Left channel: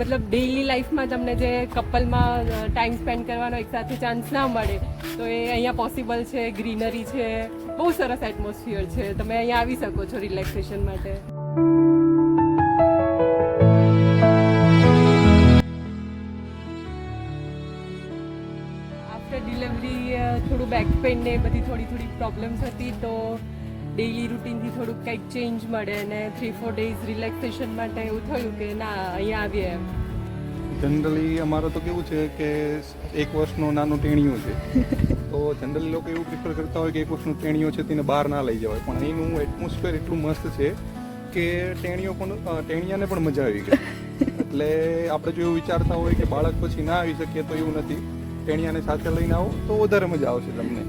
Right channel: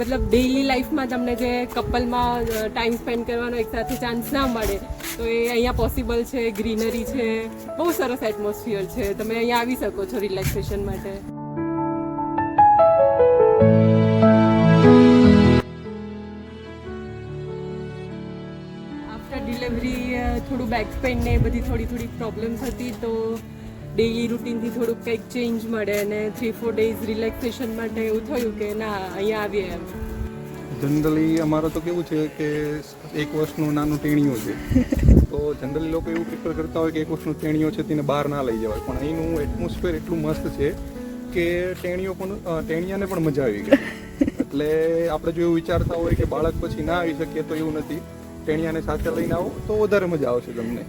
મતલબ ડેઇલી લાઈફમાં તમને જે કપલમાં ટાઈમ સ્પેન્ડ કરવાનો એક સાથે ચાન્સ ના મળે તો એ અહીંયા પોસિબલ છે. ગ્રીનરી છે, બહુ સરસ એટમોસ્ફિયર છે, તમે અહીંયા આવી શકો છો રિલેક્સેશન માટે. આફ્ટર ડિલિવરી થોડું બેક પેઇન ને બધી થોડી પ્રોબ્લેમ્સ હતી, તો ડેઇલી રૂટીનથી થોડુંક કંઈક ચેન્જ મળે અને 3-4 ડેઝ રિલેક્સેશન માટે એવું થયું કે ના અહીંયા આવીએ એમ. જનરલી અમારો તો કેવું છે કે 1 વર્ષનો નાનો ટેણીયો છે, તો જનરલી લોકો એવું પ્રિફર કરતા હોય કે 1 વર્ષનો ટેણીયો છે તેને બહાર ના લઈ જવાય, પણ અહીંનું એટમોસ્ફિયર એટલું મસ્ત છે કે ટેણિયાને પણ મજા આવી ગઈ. એટલે આપણે જો એવું વિચારતા હોય કે બાળક પછી ના આવી શકીએ, તો એવું નથી. ટેણિયાને સાથે લઈને આવો તો વધારે મજા આવશે તમને.